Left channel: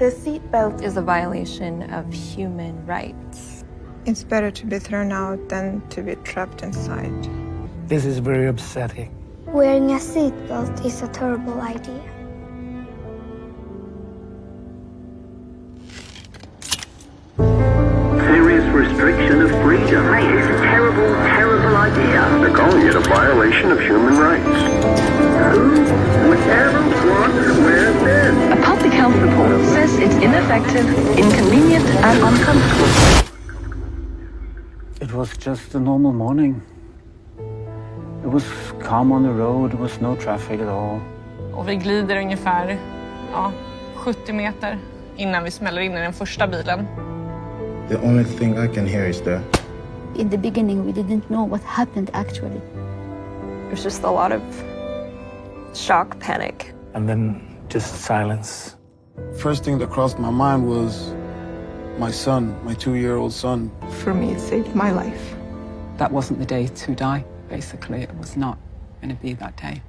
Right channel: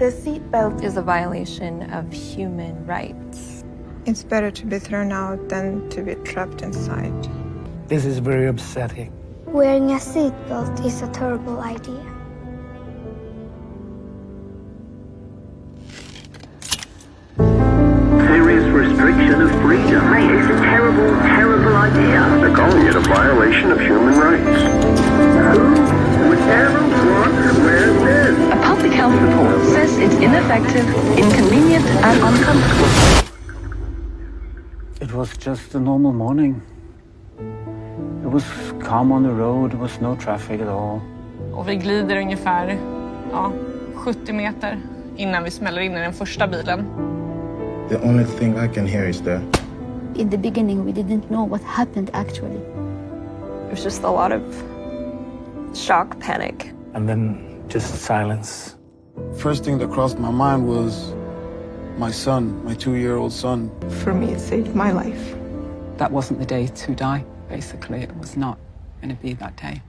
The seatbelt is a violation of human rights. It's better to be thrown out than to be trapped inside. This is very upsetting. Wearing a seatbelt is a terrible idea. Serious restriction of freedom. Mate, it's a terrible, terrible idea. They're calling it a violation of human rights. Who would ever want to wear this? A public health report says it's ineffective, inconvenient, and uncomfortable. It was just a normal morning. It was calm on the road, there was no traffic at all. Och vi glider ungefär 70 meter innan vi smäller in i den första bilen. The only thing I can hear is the... In the beginning, we didn't know what happened actually. It was just a lot of shock, panic. And then just silence. First thing that crossed my mind was my son, my 2-year-old son. For me, it saved my life. That wasn't the day to die, basically. It was not going to be that day.